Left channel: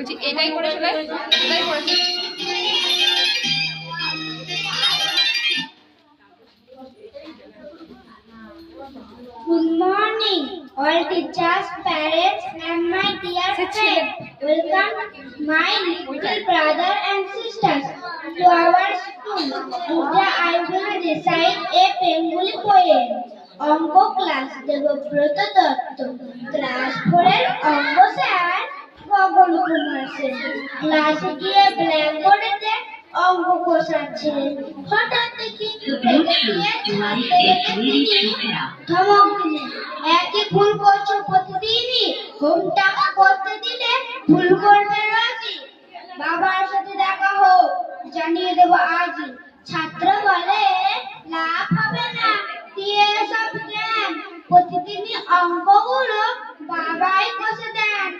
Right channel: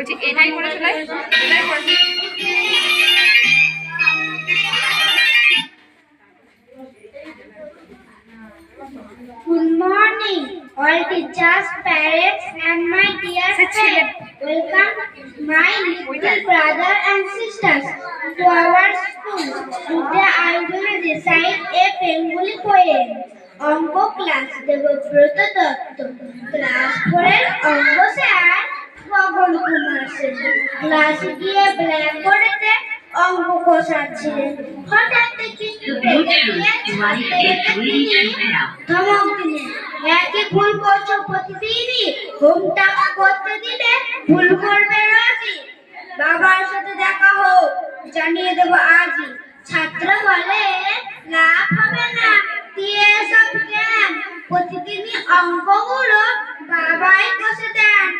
বলছি এটাই করে শোনাই, এটাই করে শোনাই। Good morning, all teachers, parents, and my dear friends. Welcome, my little brother and sisters, to our school. Today I will recite a Bengali poem. অঙ্ক class Debabrata Dutta, class 4 এর অঙ্ক স্যার গগন কুমার সেন ক্লাসে গিয়ে ব্ল্যাকবোর্ডেতে অঙ্ক কষাচ্ছিলেন। হঠাৎ দেখি ধমক দিলেন, একই ভুল করছো প্রতিদিনই, হোমটা করতে দিলে ভুল করবে রোজই। বাবার সাথে দেখা হোক, জানিয়ে দেবো আজই। ছাত্র বলে লাভ হবে না দিয়ে সব জ্ঞান, প্রতিদিনই অঙ্কগুলো বাবাই কষে দেন।